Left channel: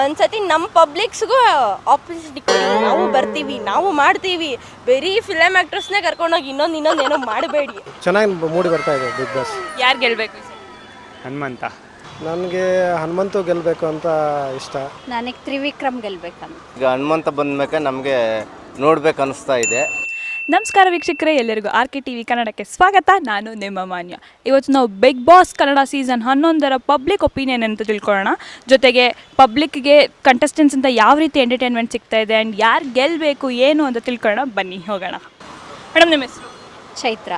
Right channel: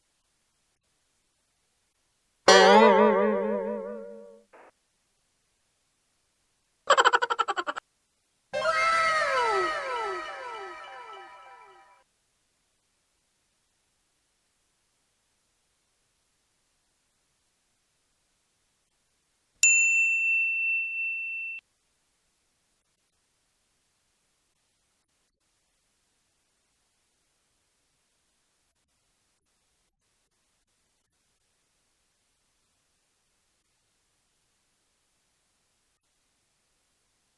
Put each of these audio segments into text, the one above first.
ಒಂದ್ಸತಿ ನಮ್ಮ ಪಬ್ಲಿಕ್ಸ್ಗೂ ಆಪರ್ಚುನಿಟಿ ನಾವು ಬರ್ತೀವಿ, ನಾವು ಮಾಡ್ತೀವಿ. ಬರೀ ಫಿಲಮ್ ಆ್ಯಕ್ಟ್ರಸ್ನೇ ಕರ್ಕೊಂಡೋಗಿ ಇನ್ನೊಂದೇನೋ ಮಾಡಬೇಡಿ. ಚೆನ್ನಾಗಿ ಮೂಡಿ ಬರ್ತಾ ಇದೆ ಬಿಗ್ ಬಾಸ್. ಯಾರು ಗೆಲ್ಬೇಕು? ಹನುಮಂತ. ನನಗೆ ಹನುಮಂತು ಗೆಲ್ಲಬೇಕು ಅಂತ ಇಷ್ಟ. ನನಗೆ ತ್ರಿವಿಕ್ರಮ್ ಗೆಲ್ಬೇಕಂತ. ಈಗ ಹನುಮಂತ ಬಂದ್ಮೇಲೆ ನಮಗೆ ನೋಡ್ಬೇಕು ಅನಿಸ್ತಾ ಇದೆ. ನಮಸ್ಕಾರ ವೀಕ್ಷಕರೇ, ಎಲ್ಲರಿಗೂ RK TV ಕನ್ನಡಕ್ಕೆ ಸ್ವಾಗತ. ನಾನು ನಿಮ್ಮ ಮಾನ್ಯ. ಇವತ್ತು ನಾವು ಬಿಗ್ ಬಾಸ್ ಕನ್ನಡ ಸೀಸನ್ 11ರ ಪಬ್ಲಿಕ್ ಒಪಿನಿಯನ್ ಅಂತ ತಿಳ್ಕೊಳ್ಳೋಣ. ಜೊತೆಗೆ ಪಬ್ಲಿಕ್ಗೆ ಕಂಟೆಸ್ಟೆಂಟ್ಸ್ ಅಂತ ಯಾವ ರೀತಿ ಎಂಟರ್ಟೈನ್ಮೆಂಟ್ ಸಿಗ್ತಾ ಇದೆ ಆ್ಯಂಡ್ ಯಾರು ಗೆಲ್ಲಬೇಕು ಏನು ಅಂತ ತಿಳ್ಕೊಳ್ಳೋಣ. ಬನ್ನಿ ಹೋಗೋಣ. ಮೇಡಮ್, ನಿಮ್ಮ ಹೆಸರು? ಚೈತ್ರ.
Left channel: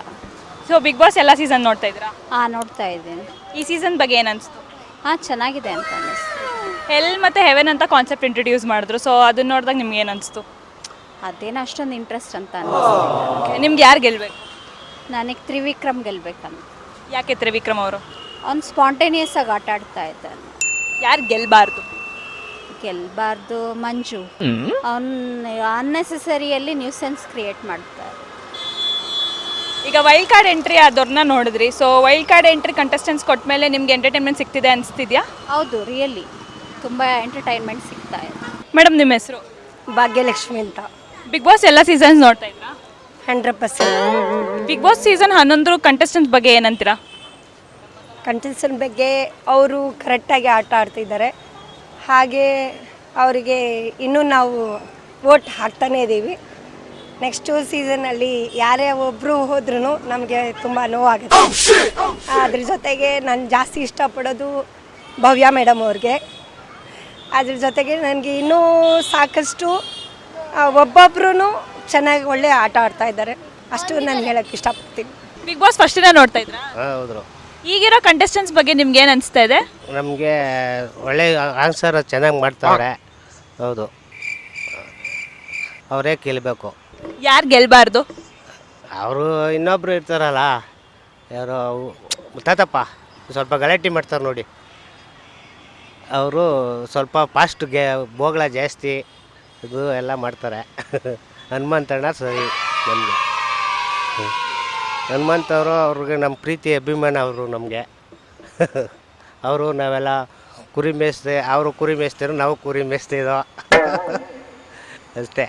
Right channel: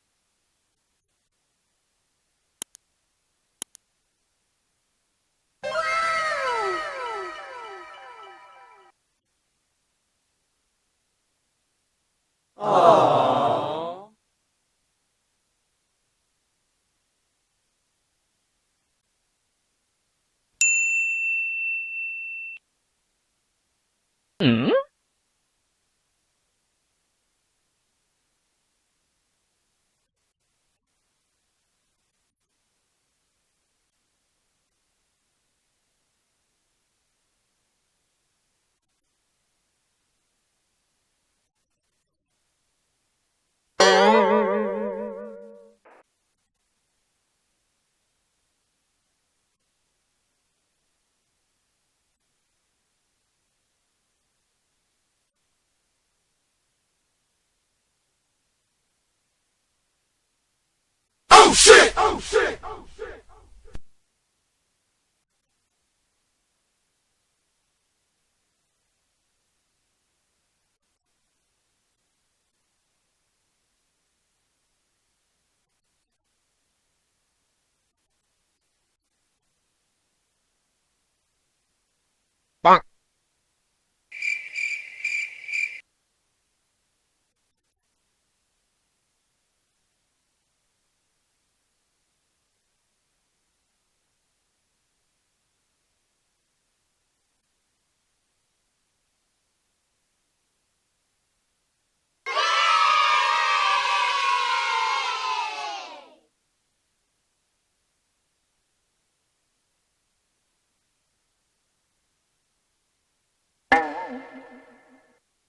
ಸೊ ಬಿಗ್ ಬಾಸ್ ಎಲ್ಲ ಸೀಸನ್ ನೋಡ್ತಾ ಇದ್ದೀರಾ? ನೋಡ್ತಾ ಇದ್ದೀನಿ. ಈ ಸೀಸನ್ ಬಗ್ಗೆ ಏನು ಅನಿಸ್ತು? ಚೆನ್ನಾಗಿದೆ ಅಂತ ಹೆಲ್ ಮತ್ತು ಹೆವೆನ್ ಅಂತ ಕಾನ್ಸೆಪ್ಟ್ ಇಂಟ್ರೊಡ್ಯೂಸ್ ಮಾಡಿದ್ರು. ಸೊ ಅದನ್ನ ನೋಡಿದಾಗ ನಿಮ್ಗೆ ಏನು ಅನಿಸ್ತು? ಅದೇನು ಅಷ್ಟೊಂದು ಇಂಟ್ರೆಸ್ಟ್ ಅಂತ ನಿಮ್ಗೆ ಯಾರು ಗೆಲ್ಲಬೇಕು? ನನಗೆ ತ್ರಿವಿಕ್ರಮ್ ಗೆಲ್ಬೇಕಂತ. ಯಾಕೆ ತ್ರಿವಿಕ್ರಮ್ ಅವರು? ಅವ್ನು ಸ್ಪಾಂಟೇನಿಯಸ್ ಆಗಿ ಆಟ ಆಡ್ತಾ ಇದ್ದಾನೆ. ಯಾರು ಗೆಲ್ಲಬಾರ್ದು? ಗೆಲ್ಬಾರ್ದು ಮಂಜು. ಅವನು ಅನ್ನೆಸೆಸರಿಯಲ್ಲಿ ನ್ಯೂಸೆನ್ಸ್ ಕ್ರಿಯೇಟ್ ಮಾಡ್ತಾರೆ. ಈಗ ವೈಲ್ಡ್ ಕಾರ್ಡ್ ಎಂಟ್ರಿ ಆದವ್ರನ್ನ ನೋಡಿದ್ರಿ. So wild card entry contestants ಕೊಟ್ಟ ಮೇಲೆ ನಿಮ್ಗೆ ಎಂಟರ್ಟೈನ್ಮೆಂಟ್ ಸಿಗ್ತಿದೆ ಅನಿಸ್ತಿದ್ಯಾ? ಹೌದು, ರಿಯಲಿ ತುಂಬ ಎಂಟರ್ಟೈನ್ಮೆಂಟ್ ಸಿಗ್ತಾ ಇದೆ. ಮೇಡಮ್, ನಿಮ್ಮ ಹೆಸರು? ಭಾಗ್ಯಲಕ್ಷ್ಮಿ ಅಂತ. ಬಿಗ್ ಬಾಸ್ ಎಲ್ಲ ಸೀಸನ್ಸ್ ನೋಡ್ತಾ ಇದ್ರಾ? 100%. ಬಿಗ್ ಬಾಸ್ ಸೀಸನ್ 11 ಕಂಟೆಸ್ಟೆಂಟ್ಸ್ ಬಗ್ಗೆ ಏನಂತೀರಾ? ಕಂಟೆಸ್ಟೆಂಟ್ ಬಗ್ಗೆ ಅವರು ಕರೆಕ್ಟಾಗಿ ಆಟ ಆಡ್ತಿದ್ದಾರೆ. ಹಾಗೆ ಅವರಿಗೆ ಇನ್ನೂ ನಾವು ವೋಟ್ ಹಾಕ್ತಾನೇ ಇದ್ದೀವಿ. ನೆಕ್ಸ್ಟು ಸೀಸನಲ್ಲಿ ಯಾರೇ ಒಬ್ಬರು ಹೋದ್ರೂ ನಮಗೆ ತುಂಬ ನೋವಾಗುತ್ತೆ. ಅದ್ರ ಜೊತೆಗೆ ನಾನು ಜಾಸ್ತಿ ಇಷ್ಟಪಡೋದು ಭವ್ಯ ಮೇಡಮ್ ಅವ್ರಿಗೆ. ಅದ್ರ ಜೊತೆಗೆ ನನಗೆ ಇನ್ನೂ ಸಾಕಷ್ಟು ಒಬ್ಬೊಬ್ರು ಚೆನ್ನಾಗಿ ಒಳ್ಳೆ ಆಟ ಆಡ್ತಾ ಇದ್ದಾರೆ. ಅಷ್ಟು ನಾನು ಹೇಳೋಕ್ಕೆ ಇಷ್ಟಪಡ್ತೀನಿ. ಬಿಗ್ ಬಾಸ್ ಫಸ್ಟ್ ದಿನ ನೋಡ್ತಾ ಇದ್ರಾ? ಹೌದು. ಈಗಿರೋ ಕಂಟೆಸ್ಟೆಂಟ್ಸ್ ಬಗ್ಗೆ ನಿಮ್ಗೆ ಏನು ಅನಿಸ್ತಾ ಇದೆ? ನಮಗೆ ಒಳ್ಳೆ ಆನ್ಸರ್ ಚೆನ್ನಾಗಿ ಮಾಡ್ತಾರೆ. ಹೌದು, ಅವರೇ ಗೆಲ್ಲಬೇಕು. ಯಾರು ಗೆಲ್ಲಬಾರ್ದು? ಅವರು ಇನ್ನೊಬ್ರು ಇರ್ತಾರಲ್ಲ, ಯಾರೋ ತಾತಪ್ಪ ಸ್ವಲ್ಪ ಗಲಾಟೆ ಮಾಡ್ತಾರೆ ನೋಡಿ. ಅವರು ಸ್ವಲ್ಪ ಫಾಸ್ಟ್ಗೆ ಬೋಗಳ ಜಾಸ್ತಿ ಇದು ಎಲ್ಲ ಮಾಡ್ತಾರೆ. ಹನುಮಂತಣ್ಣ ಸರಿ ನಮಗೆ. ಹನುಮಂತವರು ಅವ್ರಿಗೆ ನಮ್ಮ ಪ್ರೀತಿ ಅಭಿಮಾನ. ಅವರು ನಮಗೆ ಅವರು ನಾವೆಲ್ಲ ಕುರಿ ಮೇಯಿಸ್ದೆ, ಅವರು ಕುರಿ ಮೇಯಿಸ್ತಿರೋ, ನಾವು ಕುರಿ ಮೇಯಿಸ್ತಿದ್ದೋ ಅಷ್ಟೇ.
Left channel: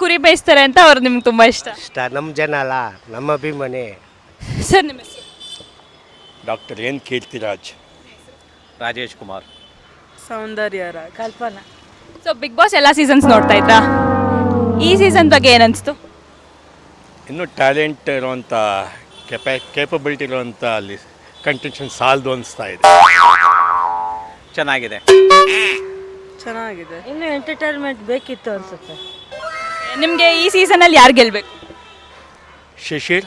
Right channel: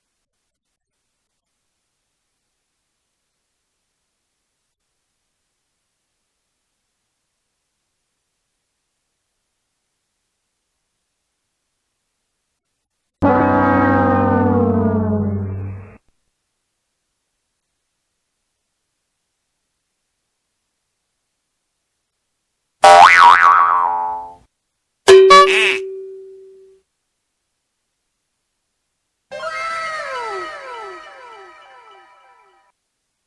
ಕುರಿ ಬೇಯಿಸ್ತಾರೆ ಅಂತ ಅವ್ರು ನಿಮ್ಗೆ ತುಂಬ ಇಷ್ಟ? ನಮ್ಮ ಜನ ಅಲ್ಲ, ನಮ್ಮ ಅಭಿಮಾನಿ. ಸರ್, ನಿಮ್ಮ ಹೆಸರು? Doctor N Keerthiraj. Rajesh Kumar. Soundarya Kalpana. So Bigg Boss ಎಲ್ಲ ಸೀಸನ್ಸ್ ನೋಡ್ತಾ ಇದ್ರಾ? ಈ ಸೀಸನ್ ಬಗ್ಗೆ ಏನು ಅನಿಸ್ತು? ಇನ್ನೂ ಟ್ಯಾಲೆಂಟ್ ಇರುವಂಥ ಕೇಪಬಿಲಿಟಿ ಇರುವಂಥ ಅಲ್ಲಿ ಕಂಟೆನ್ಷನ್ ಸಾಲದು ಅನಿಸ್ತಾ ಇದೆ. ಚೆನ್ನಾಗಿದೆ. ಇನ್ನೂ ಎಂಟರ್ಟೈನ್ಮೆಂಟ್ ಬೇಕಿತ್ತು ಅನಿಸುತ್ತೆ. ನಿಮಗೆ ಈ ಸೀಸನಲ್ಲಿ ಯಾರು ಗೆಲ್ಲಬೇಕು? ಶಿಶಿರ್.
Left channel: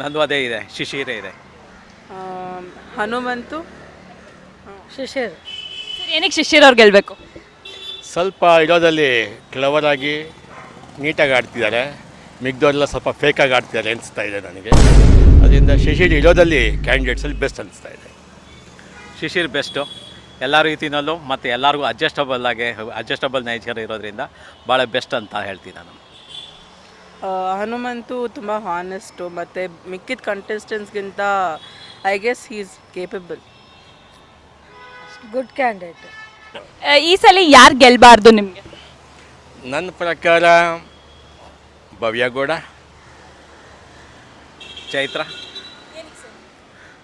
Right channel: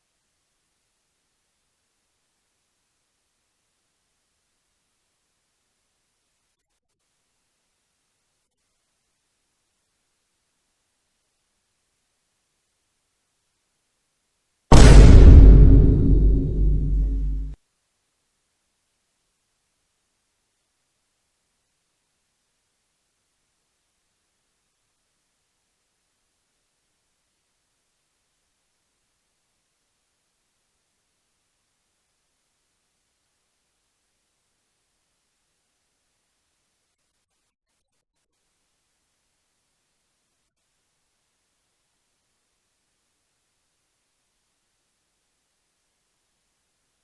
ನಂದು ಅದೇ ಇದೆ, ಶಿಶಿರೇ ಇದೆ. ಹನುಮಂತು, ಶಿಶಿರ್. ಸರ್, ಏನಕ್ಕೆ ಶಿಶಿರ್ ಅವ್ರು ಗೆಲ್ಲಬೇಕು? ಸ್ವಲ್ಪ ಇರೋದಲ್ಲಿ ಕ್ಲವರಾಗಿ ನೀಟಾಗಿ ಆಡ್ತಿದ್ದಾರೆ. ಮಿಗ್ದವರೆಲ್ಲ ಸ್ವಲ್ಪ ಫೇಕಾಗಿ ಆಡ್ತಿದ್ದಾರೆ ಅನಿಸ್ತಾ ಇದೆ ನನಗೆ. ಅದರಿಂದ ಶಿಶಿರ್ ಇರೋದಲ್ಲಿ ಕ್ಯಾಂಡಿಡೇಟ್ಸಲ್ಲಿ ಬೆಸ್ಟ್ ಅನಿಸ್ತಾ ಇದೆ. ಶಿಶಿರ್ ಬೆಸ್ಟು ಎಲ್ಲ ರೀತಿಯಲ್ಲೂ, ಮತ್ತು ಎಲ್ಲರಿಗೂ ಅಡ್ಜಸ್ಟಬಲ್ ನೇಚರ್ ಇರೋದ್ರಿಂದ ಭಾಳ ಬೆಸ್ಟ್ ಅಂತ ಹೇಳ್ತೀನಿ ನಾನು. ಹನುಮಂತು ತುಂಬ ಹಾನೆಸ್ಟು, ಮತ್ತು ಮಿಕ್ಕಿದ ಕಂಟೆಸ್ಟೆಂಟ್ಸ್ಗಿಂತ I guess he is capable. Good candidate. ಈ ಸಲ ಯಾರು ಗೆಲ್ಲಬಾರ್ದು ನಿಮಗೆ? ನನ್ನ ಪ್ರಕಾರ ಭವ್ಯಗೌಡ. ಚೈತ್ರ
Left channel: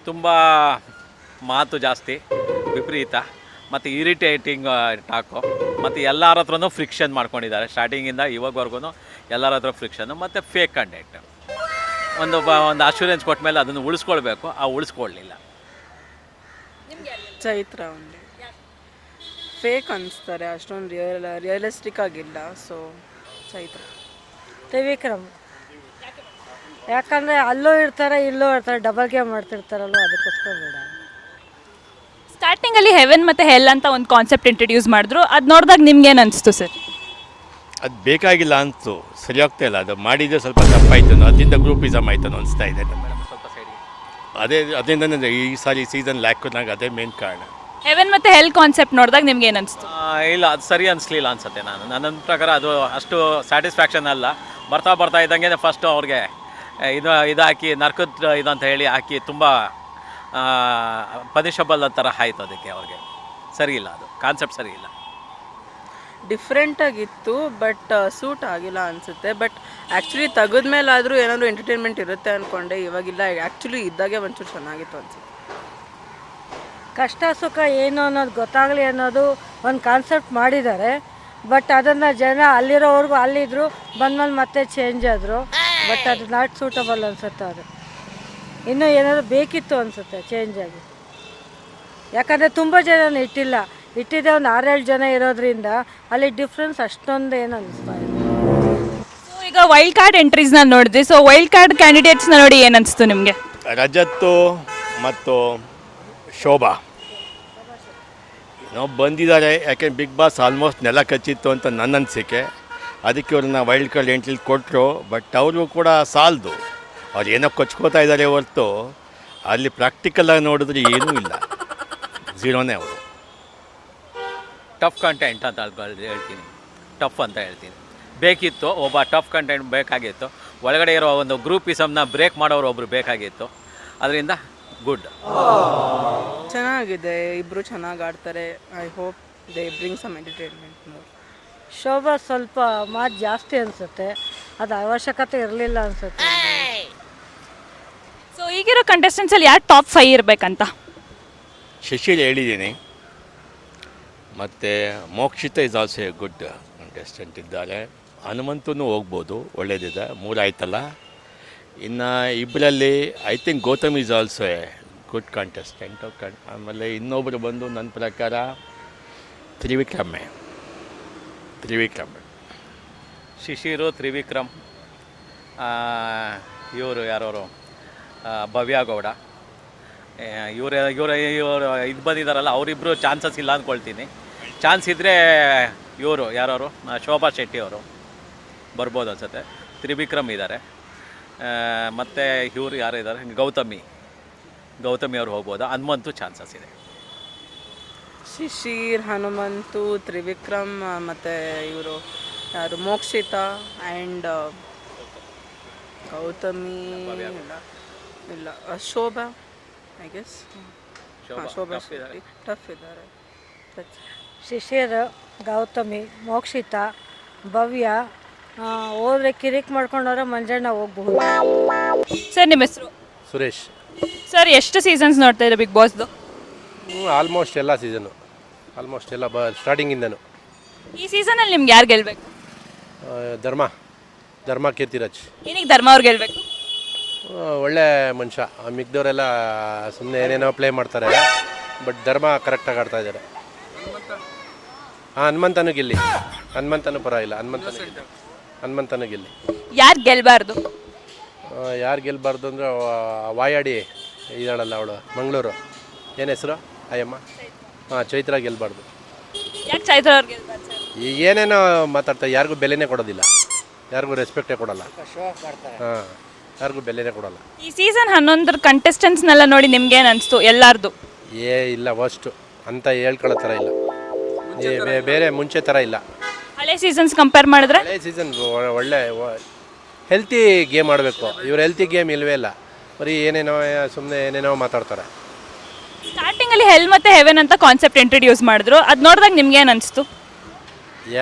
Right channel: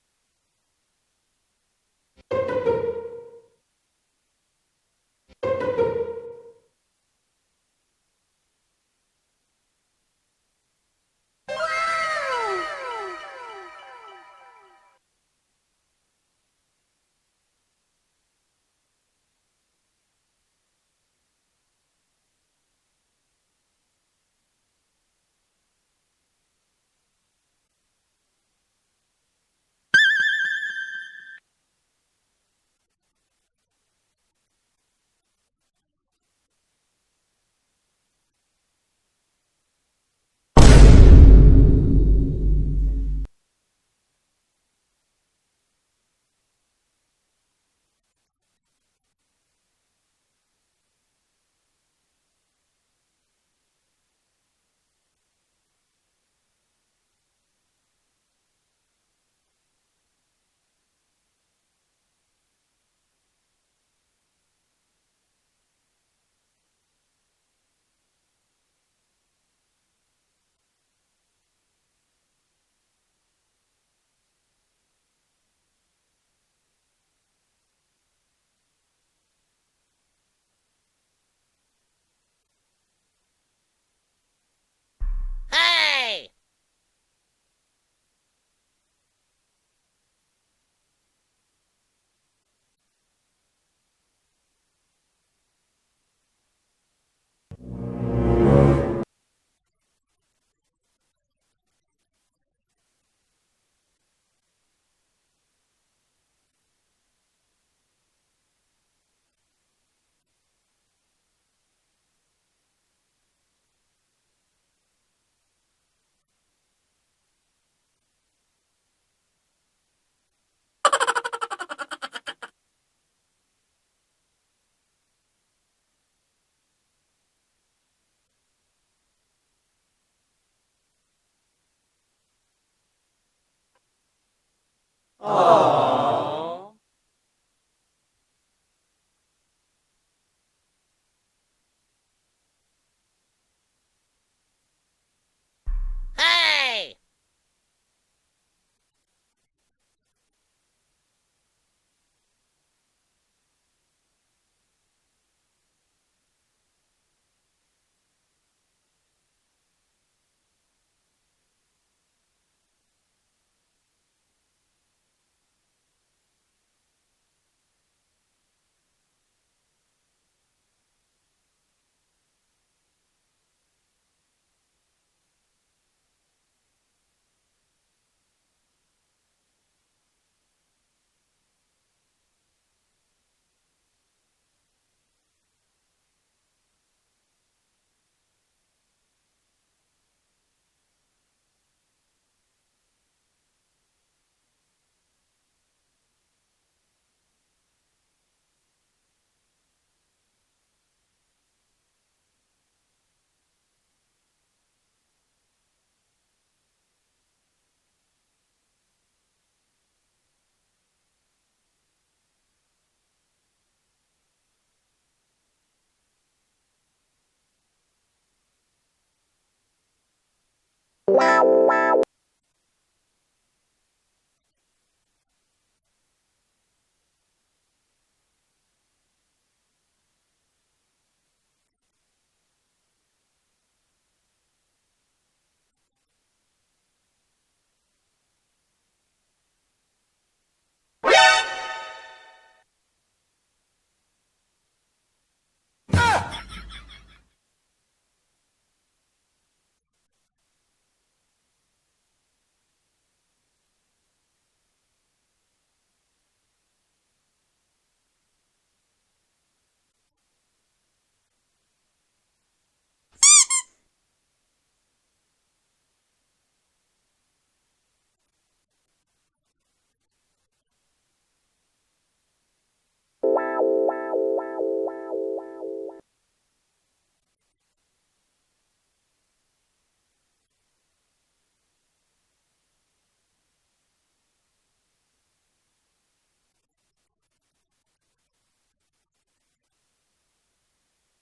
ತುಂಬ ಮಾತು ಜಾಸ್ತಿ, ವಿಪರೀತ ಮತ್ತು ಇರಿಟೇಟಿಂಗ್ ಟಾಕು, ಮತ್ತು ಎಲ್ಲರ ಹತ್ರನೂ ಫ್ರಿಕ್ಷನ್ ಮಾಡ್ಕೊಂಡಿದ್ದಾರೆ. ಸ್ಟಾರ್ಟಿಂಗಿಂದ ಇವಾಗವರೆಗೂ ಎಲ್ಲರ ಹತ್ರ ಫ್ರಿಕ್ಷನ್ನು ಮತ್ತು ಫೇಕ್ ಕಂಟೆಂಟ್. ಒಂದು ಅಶ್ಯೂರೆನ್ಸ್ ಕೊಟ್ಟ ಮೇಲೆ ಅದನ್ನು ಉಳಿಸ್ಕೊಳ್ಬೇಕು, ಉಳಿಸ್ಕೊಳ್ಳಲಿಲ್ಲ. ಚೈತ್ರ ಒಂದು ಫೇಕ್ ಅನಿಸ್ತಾರೆ, ಅಷ್ಟೊಂದು ರಿಯಲಿಸ್ಟಿಕ್ ಆಗಿಲ್ಲ. ಸೊ ಚೈತ್ರ. ತ್ರಿವಿಕ್ರಮ್. ಯಾಕಂದರೆ ಅಲ್ಲೂ ಇರ್ತಾರೆ, ಇಲ್ಲೂ ಇರ್ತಾರೆ, ಡಬಲ್ ಗೇಮ್ ಮಾಡ್ತಿರ್ತಾರಲ್ವ, ಅದಕ್ಕೋಸ್ಕರ ಬೇಡ. ಸ್ಟಾರ್ಟಿಂಗಲ್ಲಿ ಹೆವೆನ್ ಮತ್ತು ಹೆಲ್ ಅಂತ ಒಂದು ಕಾನ್ಸೆಪ್ಟ್ ಇಂಟ್ರೊಡ್ಯೂಸ್ ಮಾಡಿದ್ರು. ಅದು ನೋಡಿದಾಗ ನಿಮ್ಗೇನು ಅನಿಸ್ತು ಸರ್? ಅದು ಬೇಕಾಗಿಲ್ಲ ಅಂತು, ಸರಿ ಆಗ್ತಾ ಇಲ್ಲ. ಅದು ಮಾಡಿದರೆ ಸ್ವಲ್ಪ ತಪ್ಪಾಯ್ತನೋ, ಅದರಿಂದ ಗ್ರೂಪಿಸಮ್ ಆಯ್ತನೋ ಅನಿಸ್ತಾ ಇದೆ. ಸ್ವಲ್ಪ ಸೈಡಿಗೆ ಅದರಿಂದನೇ ಈ ಸಾರಿ ಸೀಸನ್ ಲ್ಯಾಕ್ನಾಗ ಅದೇ ಮೇನ್ ಕಾರಣ. ಹೆವೆನ್ ಮತ್ತು ಹೆಲ್ ಕಾನ್ಸೆಪ್ಟ್ ನೋಡಿದಾಗ ನಿಮ್ಗೆ ಏನು ಅನಿಸ್ತು? ಇಲ್ಲ, ಅದು ಸರಿ ಅನಿಸ್ಲಿಲ್ಲ ಅನ್ಸುತ್ತೆ. ನನ್ನ ಪ್ರಕಾರ ಅದು ಅಷ್ಟು ಸ್ಯಾಟಿಸ್ಫ್ಯಾಕ್ಷನ್ ಅಲ್ಲ. ಬರ್ತಾ ಇದ್ದಂಗೆ ಫಸ್ಟು ಅವ್ರಿಗೆ ಇದು ಹಾಕಿ ನರ್ಕದ ಇದಂತ ಹೇಳಿ ಹಾಕಿ ತುಂಬ ಪನಿಷಬಲ್ ಥರ ಆಯಿತು ಅದಕ್ಕೆ ಅವ್ರಿಗೆ. ಸರಿ ಇಲ್ಲ, ಅದು ಕಾನ್ಸೆಪ್ಟ್ ಸರಿ ಇಲ್ಲ. ಡಿಫ್ರೆಂಟಾಗಿತ್ತು ಬಟ್ ಸೂಟ್ ಆಗಿಲ್ಲ ಅನಿಸುತ್ತೆ. ಬಟ್ ಆ್ಯಕ್ಚುಲಿ ತೆಗೆದ್ಮೇಲಾದರೂ ಏನಾದರೂ ಎಂಟರ್ಟೈನ್ಮೆಂಟ್ ಇರುತ್ತೆ ಅಂದ್ಕೊಂಡೆ, ಇವಾಗಿಲ್ಲ. ಆ್ಯಕ್ಚುಲಿ ಇದ್ದಾಗೆ ಒಂಚೂರು ಚೆನ್ನಾಗಿತ್ತು ಅನಿಸುತ್ತೆ. ಕಷ್ಟ ಸುಖ ಏನು ಅನ್ನೋದು ಗೊತ್ತಾಗಲಿ ಅನ್ನೋದು ಒಂದು ಕಾನ್ಸೆಪ್ಟ್ ಮಾಡಿದ್ದಾರೆ. ಬಟ್ ಅದನ್ನು ಜನ ಅಲ್ಲಿರೋವರೆಗೂ ಅಲ್ಲಿದ್ದರು, ಬಂದ್ಮೇಲೆ ಮತ್ತೆ ಚೇಂಜ್ ಆದರು. ಬಟ್ ಅದು ನಾಟ್ ಸೂಟಬಲ್ ಅನಿಸುತ್ತೆ. ಅದು ಇನ್ನೂ ಏನಾದರೂ ಬೇಕಿತ್ತು ಅನಿಸುತ್ತೆ ಚೇಂಜ್ ಆಗಿ. ಯಾಕಂದರೆ ತುಂಬ ಜನ ಇಟ್ಟಿದ್ದೆ ಒಂದು 6-7 ಜನ ಇರೋದ್ರಿಂದ ಅಲ್ಲಿ ಡಿಫ್ರೆನ್ಸ್ ಅಷ್ಟೊಂದು ಏನು ಅನಿಸ್ತಾ ಇಲ್ಲ. ಸೊ ಈಗ ವೈಲ್ಡ್ ಕಾರ್ಡ್ ಎಂಟ್ರೀಸ್ನ ನೋಡಿದ್ವಿ. ಸೊ ವೈಲ್ಡ್ ಕಾರ್ಡ್ ಕ್ಯಾಂಡಿಡೇಟ್ಸ್ನ ನೋಡಿ ಏನು ಅನಿಸ್ತು ನಿಮಗೆ? ರಜತ್ತು ಮತ್ತು ಶೋಭಾ ಏನೋ ಬಂದಿದ್ದಾರೆ. ಯಾಕೆ ಬಿಗ್ ಬಾಸ್ ಆಲ್ಮೋಸ್ಟ್ ನೆಲ ಕಚ್ಚಿತ್ತು ಅಂತ ನನ್ನ ಅನಿಸಿಕೆ. ಅದಕ್ಕೆ ಅವ್ರನ್ನ ವೈಲ್ಡ್ ಕಾರ್ಡ್ ಎಂಟ್ರಿ ಕೊಟ್ಟರು. ಬಟ್ ಅವರು ಕೂಡ ಸಾಲದು, ಅವ್ರು ಏನೋ ಕೊಚ್ಕೋತಾ ಇದ್ದಾರೆ ಹೊರತು ಅಲ್ಲಿ ಪ್ರಾಕ್ಟಿಕಲಾಗಿ ನೋಡಿದ್ರೆ ಏನೂ ಇಲ್ಲ, ಝೀರೋನೇ ಅವರು. ಟಫ್ ಕಂಟೆಂಟ್ ಅಂತ ಹೇಳ್ತೀನಿ, ಟಫ್ ಅಂತ ಹೇಳ್ತೀನಿ. ಬೇಕಿತ್ತು, ಒಬ್ಬ ಟಫ್ ಕಂಟೆಂಟ್ ಬೇಕಾಗಿತ್ತು. ಒಳಗಡೆ ಇರೋ ಒಂದು ಗ್ರೂಪಿಸಮ್ನ ಬ್ರೇಕ್ ಮಾಡೋರು ಒಬ್ಬರು ಬೇಕಾಗಿತ್ತು. ಅದರಿಂದ ಗುಡ್. ಚೆನ್ನಾಗಿದೆ, ಇಬ್ಬರು ಚೆನ್ನಾಗಿ ಆಡ್ತಾರೆ. I hope they bring some entertainment more. Shobha ಸ್ವಲ್ಪ ಮಾತು ಜಾಸ್ತಿ ಅನಿಸುತ್ತೆ, ಅದು ಅವಶ್ಯಕತೆ ಇರಲಿಲ್ಲ ಅನಿಸುತ್ತೆ. ಸೊ ಈಗಿರೋ ಕಂಟೆಸ್ಟೆಂಟ್ಸಲ್ಲಿ ಯಾರು ಟಾಪ್ 5 ಇರಬೇಕಂತ? ಶಶಿಲ್ ಹೇಳಿದ್ದೀನಿ. ಮತ್ತು Mokshitha is also A good contestant ಇದ್ದಾರೆ. ಹನುಮಂತನೂ ಹೋಗ್ಬೋದು, ಒಳ್ಳೇದಿದೆ. 3 ಆಯ್ತಲ್ಲ. ಇನ್ನು ಇಬ್ಬರಲ್ಲಿ I think Gautam is also A good contestant. ಆಮೇಲೆ ಇನ್ನೊಬ್ಬರು ಬಂದು ನನ್ನ ಪ್ರಕಾರ ತ್ರಿವಿಕ್ರಮ್. ಶಿಶಿರು, ತ್ರಿವಿಕ್ರಮ್, ಇವರು ಯಾರವರು ಭವ್ಯ ಗೌಡ, ಇವರು ಇದು ಬಂದಿದ್ದಾರಲ್ಲ, ಅವರಿಬ್ಬರು ಚಾನ್ಸಸ್ ಇಲ್ಲ ಅಂದ್ಕೊಳ್ತೀನಿ. ಚಾನ್ಸ್ ಇದ್ದರೆ ಇವರು ಯಾರವರು ಶೋಭಾ ಶೆಟ್ಟಿ ಅವರು ಬರ್ಬೋದು ಅನ್ಸುತ್ತೆ. ತ್ರಿವಿಕ್ರಮ್ ಇದ್ದಾರೆ, ಮತ್ತು ಇವರು ಯಾರು ಇದ್ದಾರೆ, ಗೌತಮಿ ಅವರು ಹೋಗ್ಬೋದು. ಹನುಮಂತು ಚಾನ್ಸಸ್ ಇದೆ. ಶಿಶಿರ್, ಹನುಮಂತು, ತ್ರಿವಿಕ್ರಮ್ ಮತ್ತು ಇವರು ಯಾರು ಮೋಕ್ಷಿತಾ ಆ್ಯಂಡ್ ಗೌತಮಿ ಇಲ್ಲ Shobha I guess. Shobha tough ಇದ್ದಾರೆ. ಶಿಶಿರ್, ಗೌತಮಿ, ಮೋಕ್ಷಿತ, ಭವ್ಯ ಹೋದ್ರೆ ಕಿರಿಕ್ ಮಾಡ್ಕೊಂಡವ್ರೆ ಮಂಜಣ್ಣ ಹೋಗ್ಬಹುದು. ಸರ್ ನಿಮ್ಮ ಹೆಸರು? ಸುರೇಶ್. ಸರ್ ಎಷ್ಟು ಸೀಸನ್ಸ್ ನೋಡ್ತಾ ಇದ್ದಾರೆ ಬಿಗ್ ಬಾಸ್ದು? ಆಲ್ಮೋಸ್ಟ್ ಎಲ್ಲ ಸೀಸನ್ನು, ಆಲ್ಮೋಸ್ಟ್ ಎಲ್ಲ ಸ್ಟಾರ್ಟಿಂಗಿಂದನು. ಈ ಸೀಸನಲ್ಲಿ ನಿಮ್ಗೆ ಯಾರು ಗೆಲ್ಬೇಕು? ಧರ್ಮ ಕೀರ್ತಿರಾಜ್. ಏನಕ್ಕೆ ಧರ್ಮ ಅವ್ರು ಗೆಲ್ಬೇಕು? ಒಳ್ಳೆ ಮನುಷ್ಯ. ಮಿಕ್ದವರೆಲ್ಲ ಸುಮ್ಮನೆ ಏನೇನೋ ಪ್ಲೇ ಮಾಡ್ತಾರೆ, ಬಟ್ ಧರ್ಮ ಕರೆಕ್ಟಾಗಿ ಆಡ್ತಾ ಇದ್ದಾರೆ. ಹನುಮಂತನೂ ಗೆಲ್ಲಿ, ಹನುಮಂತನೂ ಪರವಾಗಿಲ್ಲ. ಹನುಮಂತನೂ ಗೆಲ್ಲಿ. ಯಾರು ಗೆಲ್ಬಾರ್ದು? ಯಾರು ಗೆಲ್ಲಬಾರ್ದು ಅಂದರೆ ವಾಯಾಡಿ ಇದ್ದಾಳಲ್ಲ ಅವಳು, ಮಂಗಳೂರು, ಏನು ಹೆಸರು ಅಯ್ಯಮ್ಮ? ಚೈತ್ರ ಗೆಲ್ಲಬಾರ್ದು. ಯಾಕೆ ಚೈತ್ರ ಅವ್ರು ಗೆಲ್ಬಾರ್ದು ಸರ್? ಈಗ ಏನೇನೋ ಮಾತಾಡ್ತಾರೆ, ಯಾರಿಗೂ ಬೆಲೆನೇ ಕೊಡೋದಿಲ್ಲ, ಯಾರಿಗೂ ರೆಸ್ಪೆಕ್ಟೇ ಕೊಡಲ್ಲ. ಯಾರಿಗೂ ಬೆಲೆನೇ ಕೊಡಲ್ಲ. ಈ ಸೀಸನ್ 11 ಕಂಟೆಸ್ಟೆಂಟ್ಸ್ನೆಲ್ಲ ನೋಡಿ ನಿಮ್ಗೆ ಏನು ಅನಿಸ್ತು ಎಲ್ಲಾರ್ದು? ಇಲ್ಲ ವರ್ಸ್ಟು ಅಂತ ಹೇಳ್ಕೊಳ್ಳೋ ಥರ ಇಲ್ಲ. ಬೇರೆ ಮುಂಚೆ ಥರ ಇಲ್ಲ. ಹಳೆ ಸೀಸನ್ಸ್ ಕಂಪೇರ್ ಮಾಡಿದ್ರೆ ಹಳೆ ಸೀಸನ್ ಒಳ್ಳೆ ಹೆಲ್ತಿ ಗೇಮ್ ಆಡಬೇಕು. ಇವ್ರು ಹೆಲ್ತಿ ಗೇಮ್ ಇಲ್ವೇ ಇಲ್ಲ, ಬರೀ ಏನೇನೋ ಸುಮ್ಮನೆ ಏನೇನೋ ಮಾತಾಡ್ತಾರೆ. ಸ್ಟಾರ್ಟಿಂಗಲ್ಲಿ ಹೆಲ್ ಮತ್ತು ಹೆವೆನ್ ಅಂತ ಕಾನ್ಸೆಪ್ಟ್ ಇಂಟ್ರೊಡ್ಯೂಸ್ ಮಾಡಿದ್ರು, ಅದು ನೋಡಿದಾಗ ನಿಮ್ಗೆ ಏನು ಅನಿಸ್ತು?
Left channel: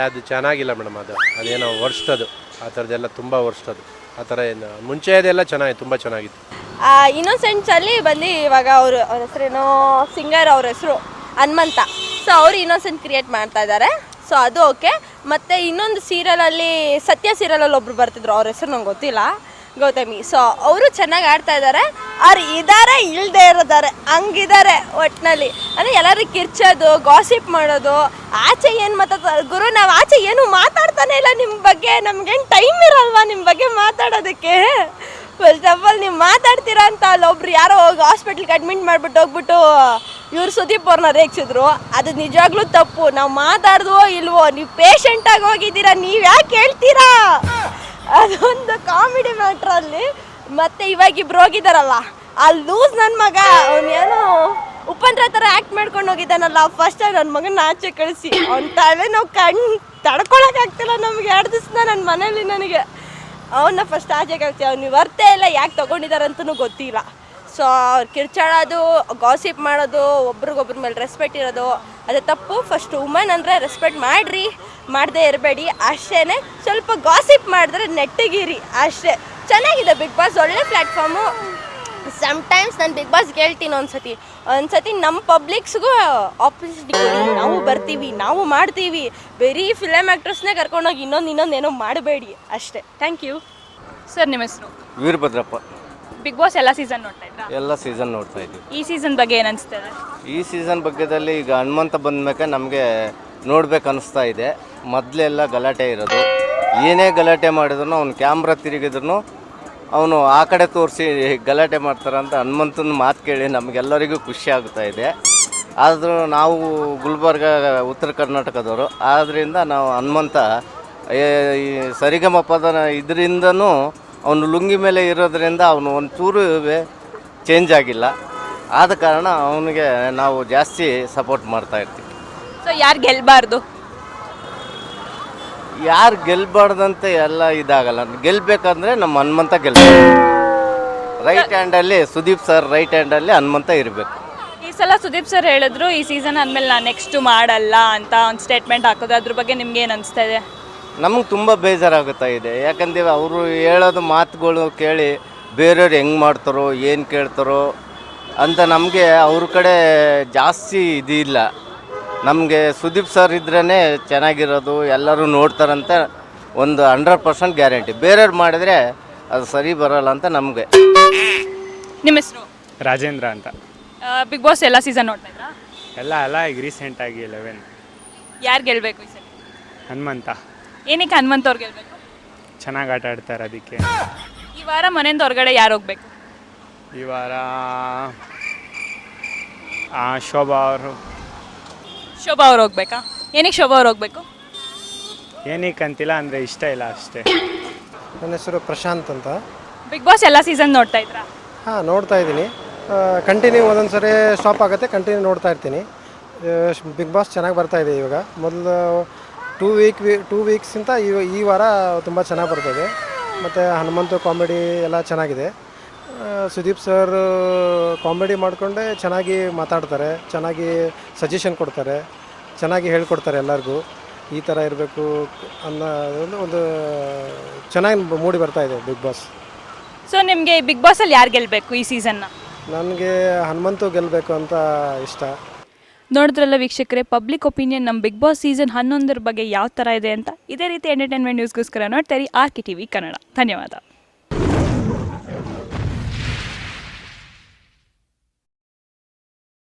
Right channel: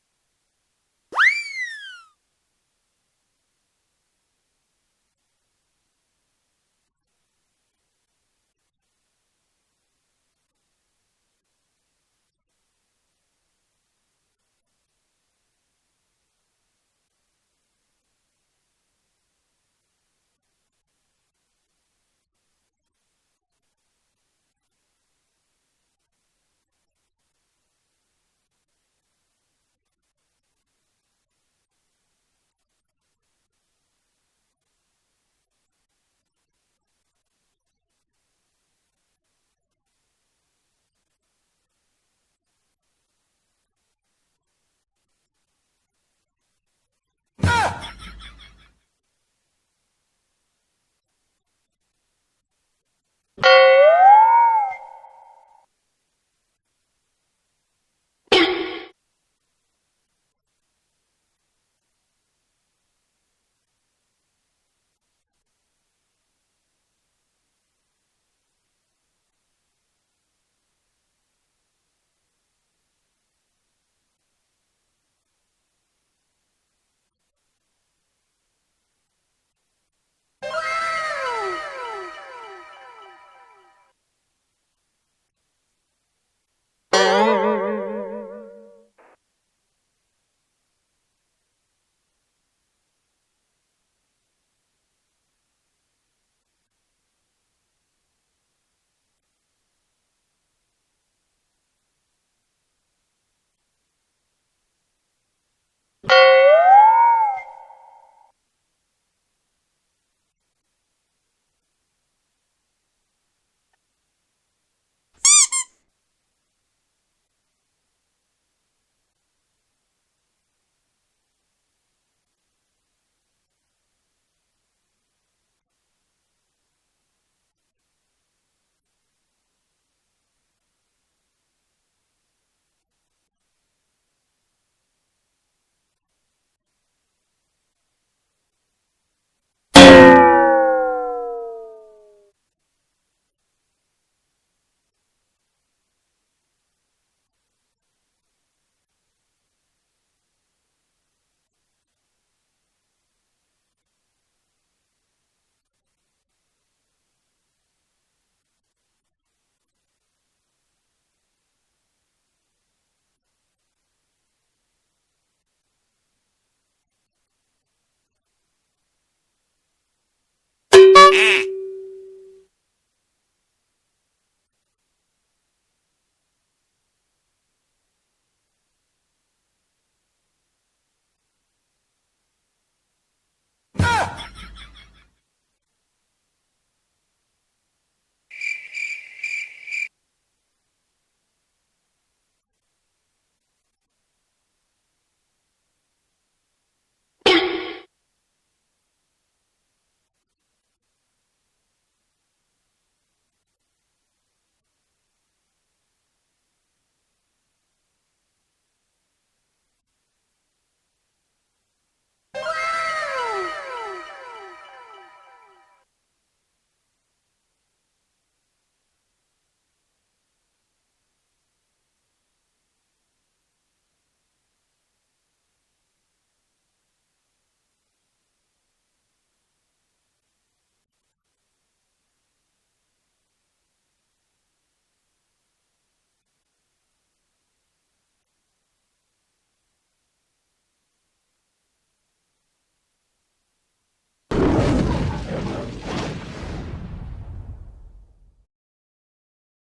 ಅದು ಚೆನ್ನಾಗಿಲ್ಲ ಮೇಡಮ್. ಅದೇನೋ ವರ್ಸ್ಟ್, ಅದು ಆ ಥರದ್ದೆಲ್ಲ ತುಂಬ ವರ್ಸ್ಟ್. ಅದು ಆ ಥರ ಏನು ಮುಂಚೆದೆಲ್ಲ ಚೆನ್ನಾಗಿತ್ತು, ತುಂಬ ಚೆನ್ನಾಗಿತ್ತು. ಇನ್ನೋಸೆಂಟ್ಸಲ್ಲಿ ಬಂದು ಇವಾಗ ಅವ್ರ ಹೆಸರೇನೋ ಸಿಂಗರ್, ಅವ್ರ ಹೆಸರು ಹನುಮಂತ. ಸೊ ಅವರು ಇನ್ನೋಸೆಂಟ್ ಕ್ರಿಯೇಟ್ ಮಾಡ್ತಾ ಇದ್ದಾರೆ. ಸೊ ಅದು ಓಕೆ. ಮತ್ತು ಇನ್ನೊಂದು ಸೀರಿಯಲಲ್ಲಿ ಸತ್ಯ ಸೀರಿಯಲಲ್ಲಿ ಒಬ್ರು ಬರ್ತಿದ್ರು, ಅವ್ರ ಹೆಸರು ನಂಗೆ ಗೊತ್ತಿಲ್ಲ, ಗೌತಮಿ. ಸೊ ಅವರು ಚೆನ್ನಾಗಿ ಆಡ್ತಾ ಇದ್ದಾರೆ. ಅವ್ರು ಇದ್ದಾರೆ ಇಲ್ಲದೆ ಇರೋದಾರೆ ಹಂಗಿದ್ದಾರೆ ಒಟ್ಟಿನಲ್ಲಿ. ಅಂದರೆ ಎಲ್ಲರೂ ಕಿರ್ಚೋದು, ಗಾಸಿಪ್ ಮಾಡೋದು, ಆಚೆ ಏನು ಮಾತಾಡ್ತಾರೆ ಗುರು, ನಾವು ಆಚೆ ಏನು ಮಾತಾಡ್ತಾನೆ ಇಲ್ಲ ನಿಮ್ಮ ಬಗ್ಗೆ, ನಮ್ಗೇನು ಟೈಮ್ ಇರಲ್ವಾ ನಿಮ್ಮ ಬಗ್ಗೆ ಮಾತಾಡೋದಕ್ಕೆ? ಫಸ್ಟ್ ಆಫ್ ಆಲ್ ನೀವು ಮಾತಾಡ್ತೀರಾ ಅಂತ ಅಲ್ಲೊಬ್ರು ಯಾರೋ ಹೋಗಿ ಹಾಸ್ಪಿಟ್ಲಿಗೆ ಅಡ್ಮಿಟ್ ಮಾಡಿಬಿಟ್ಟು ಹೋಗ್ಬಿಟ್ಟು ಇವ್ರು ಸುದೀಪ್ ಅವ್ರನ್ನ ರೇಗಿಸಿದ್ರು. ಅದು ನಿಜವಾಗ್ಲೂ ತಪ್ಪು. ನಾವು ಮಾತಾಡ್ದೋ ಇಲ್ವೋ, ನೀವು ಪೇಷಂಟಾಗಿ ಹೋಗಿದ್ದೀರಾ, ನೀವು ಯಾಕೆ ಹೇಳ್ತೀರಾ? ಅದೊಂದು ಕಾಮಿಡಿ ಮ್ಯಾಟ್ರಲ್ಲಿ. ಮತ್ತು ಇವಾಗ ಇಬ್ರು ಹೋಗಿದ್ದಾರಲ್ಲ, ಆ ಲೂಸ್ ನನ್ನ ಮಗ ಅವನೇನೋ ಉಪೇಂದ್ರ ಥರ ಆ್ಯಕ್ಟ್ ಮಾಡ್ಕೊಂಡು ಹೋಗಿದ್ದಾನಲ್ಲ, ಫಸ್ಟ್ ನನ್ನ ಮಗನ ಆಚೆ ಕಳಿಸಿ ಅವ್ನ ತಲೆ ನಾವು ತಡ್ಕೊಳಕ್ಕಾಗ್ತಿಲ್ಲ ನಮಗೆ. 2 ದಿವಸ ನನ್ನ ಮನೇಲಿ ನನಗೆ ಅವನ್ನ ಫಸ್ಟ್ ಆಚೆ ಕಳಿಸಿ, ಅವ್ನು ಬರ್ತೇ ಇಲ್ಲ, ಯಾಕೆ ತೊಗೊಂಡಿದ್ದಾರೆ ಅಂತಲೂ ಗೊತ್ತಿಲ್ಲ. ಸೊ ಅವ್ರು ಕಿರ್ಚಾಡೋದು, ಗಾಸಿಪ್ ಮಾಡೋದು, ಒಬ್ರಿಗೊಬ್ರ ಮೇಲೆ ರೆಸ್ಪೆಕ್ಟ್ ಇರೋದು ಅದು ತಪ್ಪು. ಫಸ್ಟ್ ವುಮನ್ ಅಂದರೆ ರೆಸ್ಪೆಕ್ಟ್ ಮಾಡಿರಿ, ಮಾಡದೇ ಇರಬೇಡಿ ಅಷ್ಟೇ. ಸ್ವಲ್ಪ ಗಾಸಿಪ್ ಮಾಡಿದ್ರೆ ನೆಟ್ಟಿಗಿರಿ ಅಷ್ಟೇ. ಚೆನ್ನಾಗಿದೆ ಬಿಗ್ ಬಾಸ್, ಒಳ್ಳೆ ಪ್ಲ್ಯಾಟ್ಫಾರ್ಮು. ಸಮ್ಟೈಮ್ಸ್ ನಾನು ಬಿಗ್ ಬಾಸ್ ಹೇಳ್ತೀನಿ ಒಂದ್ಸತಿ ನಮ್ಮ ಪಬ್ಲಿಕ್ಸ್ಗೂ ಆಪೋಸಿಟ್ ನಾವು ಬರ್ತೀವಿ, ನಾವು ಮಾಡ್ತೀವಿ. ಬರೀ ಫಿಲಮ್ ಆ್ಯಕ್ಟ್ರಸ್ನೇ ಕರ್ಕೊಂಡೋಗಿ ಇನ್ನೊಂದೇನೋ ಮಾಡಬೇಡಿ ಅಷ್ಟೇ. Thank you. ಸರ್ ನಿಮ್ಮ ಹೆಸರು? ವೀರಭದ್ರಪ್ಪ. ಬಿಗ್ ಬಾಸ್ ಎಲ್ಲ ಸೀಸನ್ ನೋಡ್ತಾ ಇದ್ರಾ? ಎಲ್ಲ ಸೀಸನ್ ನೋಡ್ತಾ ಇದ್ದೀವಿ. ಈ ಸೀಸನ್ ಬಗ್ಗೆ ಏನು ಅನಿಸ್ತದೆ? ಈ ಸೀಸನ್ ಬಗ್ಗೆದಲ್ಲಿ ಈಗ ಹನುಮಂತ ಬಂದ್ಮೇಲೆ ನಮಗೆ ನೋಡ್ಬೇಕು ಅನಿಸ್ತಾ ಇದೆ. ಮೊದಲೆಲ್ಲ ಗಲಾಟೆ ಇರೋದು, ಏನೇ ಗಲಾಟೆ ಮಾಡಿದ್ರು ಅವ್ನು ಕ್ಯಾಮ್ರಾ ತಿರುಗಿದ್ರು ಅವನು ಆ ಕಡೆ ತೋರಿಸಿ ಗಲಾಟೆ ಮಾಡ್ತಾರಂತ ಹನುಮಂತನ ಮಾತು ಕೇಳಿ ನಮಗೆಲ್ಲರಿಗೂ ಖುಷಿ ಆಗ್ತಾ ಇದೆ. ಆದರೂ ನಾವು ಗುಲ್ಬರ್ಗ ಉತ್ತರ ಕರ್ನಾಟಕದವರು ಆದ್ದರಿಂದ ನಾವು ಹನುಮಂತ ಈ ಸರಿಗಮಪದ ಇದರಿಂದನೂ ಅವನು ಲುಂಗಿ ಮೇಲೆ ಇರೋದ್ರಿಂದ ಅವನು ಒಂಚೂರು ಚೇಂಜ್ ಆಗಿಲ್ಲ. ಆದ ಕಾರಣ ಅವನಿಗೆ ನಾವು ಜಾಸ್ತಿ ಸಪೋರ್ಟ್ ಮಾಡ್ತಾ ಇರ್ತೀವಿ. ಸೊ ಯಾರು ಗೆಲ್ಲಬಾರ್ದು? ಯಾರು ಗೆಲ್ಲಬಾರ್ದಂತೆ ಎಲ್ಲ ಇದಾಗಲ್ಲ. ಗೆಲ್ಲಬೇಕಂದ್ರೆ ನಮ್ಮ ಹನುಮಂತ ಗೆಲ್ಲಬೇಕು. ರೈಟ್ ಹ್ಯಾಂಡಲ್ಲಿ ಸುದೀಪ್ ಸರ್, ರೈಟ್ ಹ್ಯಾಂಡಲ್ಲಿ ಹನುಮಂತ ಇರಬೇಕು. ಈ ಸಲ ಸುದೀಪ್ ಸರ್ ಹೇಳಿದ್ರು ಈ ಸೀಸನ್ ಆದಮೇಲೆ ನಾನು ನೆಕ್ಸ್ಟ್ ಮಾಡಲ್ಲ ಅಂತ ಒಂದು ಸ್ಟೇಟ್ಮೆಂಟ್ ಹಾಕೋದು, ಅದ್ರ ಬಗ್ಗೆ ನಿಮ್ಗೆ ಏನು ಅನಿಸ್ತಾ ಇದೆ? ನಮಗೆ ತುಂಬ ಬೇಜಾರಾಗುತ್ತಾ ಇದೆ. ಯಾಕಂದರೆ ಅವರು ಹೇಳೋದು ಮಾತುಗಳು ಕೇಳಿ ಬೇರೆಯವ್ರು ಹೆಂಗೆ ಮಾಡ್ತಾರೋ ಏನು ಕೇಳ್ತಾರೋ ಅಂತ ನಮಗೆ ಅವ್ರ ಕಡೆ ಜಾಸ್ತಿ ಇದಿಲ್ಲ. ನಮಗೆ ಸುದೀಪ್ ಸರ್ ಇದ್ರೇ ಚೆನ್ನಾಗಿರೋದು, ಎಲ್ಲರೂ ನೋಡ್ತಾರಂತ ಒಂದು 100% ಗ್ಯಾರಂಟಿ. ಬೇರೆಯವ್ರು ಮಾಡಿದರೆ ಅದು ಸರಿ ಬರೋಲ್ಲ ಅಂತ ನಮಗೆ. ನಿಮ್ಮ ಹೆಸರು? ರಾಜೇಂದ್ರ ಅಂತ. ಬಿಗ್ ಬಾಸ್ ಎಲ್ಲ ಸೀಸನ್ ನೋಡ್ತಾ ಇದ್ರಾ? ಎಲ್ಲ ಈಗ ರೀಸೆಂಟಾಗಿ 11. ಯಾರು ಗೆಲ್ಲಬೇಕು ಈ ಸಲ? ಹನುಮಂತ. ಏನಕ್ಕೆ ಹನುಮಂತ ಅವ್ರು ಗೆಲ್ಲಬೇಕು? ಚೆನ್ನಾಗಿ ಆಟ ಆಡ್ತಾರೆ ಅದಕ್ಕೆ. ಈ ವಾರ ಮನೆಯಿಂದ ಹೊರಗಡೆ ಯಾರು ಹೋಗ್ಬೇಕು? ಈ ವಾರ ಶೋಭಾ ಅವರು. ಶೋಭಾ ಅವ್ರು ಹೋಗ್ಬೇಕಾ? ಏನಕ್ಕೆ ಶೋಭಾ ಅವ್ರು ಹೋಗ್ಬೇಕು? ಏನಕ್ಕೆ ಅಂತಿಲ್ಲ, ಅಂದರೆ ಇಷ್ಟ ಇಲ್ಲ ಅಷ್ಟೇ. ನನ್ನ ಹೆಸರು ಪ್ರಶಾಂತ್ ಅಂತ. ಬಿಗ್ ಬಾಸ್ ಎಲ್ಲ ಸೀಸನ್ ನೋಡ್ತಾ ಇದ್ರಾ? ಹಾಂ, ನೋಡ್ತಾ ಇದ್ದೀನಿ. ಕಂಟಿನ್ಯೂ ಒಂದೊಂದು ಸರಿ ಸ್ಟಾಪ್ ಆಗುತ್ತೆ, ಕಂಟಿನ್ಯೂ ನೋಡ್ತಾ ಇರ್ತೀನಿ. ಬಿಗ್ ಬಾಸ್ ಚೆನ್ನಾಗಿ ಬರ್ತಾಯಿದೆ ಇವಾಗ. ಮೊದಲು 2 ವೀಕ್ಸಿಂತ ಈ ವಾರ ತುಂಬ ಚೆನ್ನಾಗಿ ಬರ್ತಾಯಿದೆ. ಮತ್ತು ಹನುಮಂತು ಕಾಮಿಡಿ ಎಲ್ಲ ಚೆನ್ನಾಗಿದೆ. ಸುದೀಪ್ ಸರ್ ಕಾಮಿಡಿ ಮಾಡಿಕೊಂಡೆ ಚೆನ್ನಾಗಿ ಮಾತಾಡ್ತಾರೆ, ಚೆನ್ನಾಗಿ ಸಜೆಷನ್ ಕೊಡ್ತಾರೆ, ಚೆನ್ನಾಗಿ ಹೇಳ್ಕೊಡ್ತಾರೆ ಎಲ್ಲರಿಗೂ. ಈ ಥರ ಇರಬೇಕು ಅನ್ನೋ ಒಂದು ಚೆನ್ನಾಗಿ ಮೂಡಿ ಬರ್ತಾಯಿದೆ ಬಿಗ್ ಬಾಸ್. ಸೊ ನಿಮಗೆ ಬಿಗ್ ಬಾಸಲ್ಲಿ ಯಾರು ಗೆಲ್ಲಬೇಕು ಈ ಸೀಸನ್ನ? ನನಗೆ ಹನುಮಂತು ಗೆಲ್ಲಬೇಕು ಅಂತ ಇಷ್ಟ. ನೋಡಿದ್ರಲ್ಲ ವೀಕ್ಷಕರೇ, ಪಬ್ಲಿಕ್ ಒಪಿನಿಯನ್ ನಮ್ಮ ಬಿಗ್ ಬಾಸ್ ಸೀಸನ್ 11 ಬಗ್ಗೆ ಯಾವ ಥರ ಇದೆ ಅಂತ. ಇದೇ ರೀತಿ ಎಂಟರ್ಟೈನ್ಮೆಂಟ್ ನ್ಯೂಸ್ಗೋಸ್ಕರ ನೋಡ್ತಾರೆ RK TV ಕನ್ನಡ. ಧನ್ಯವಾದ.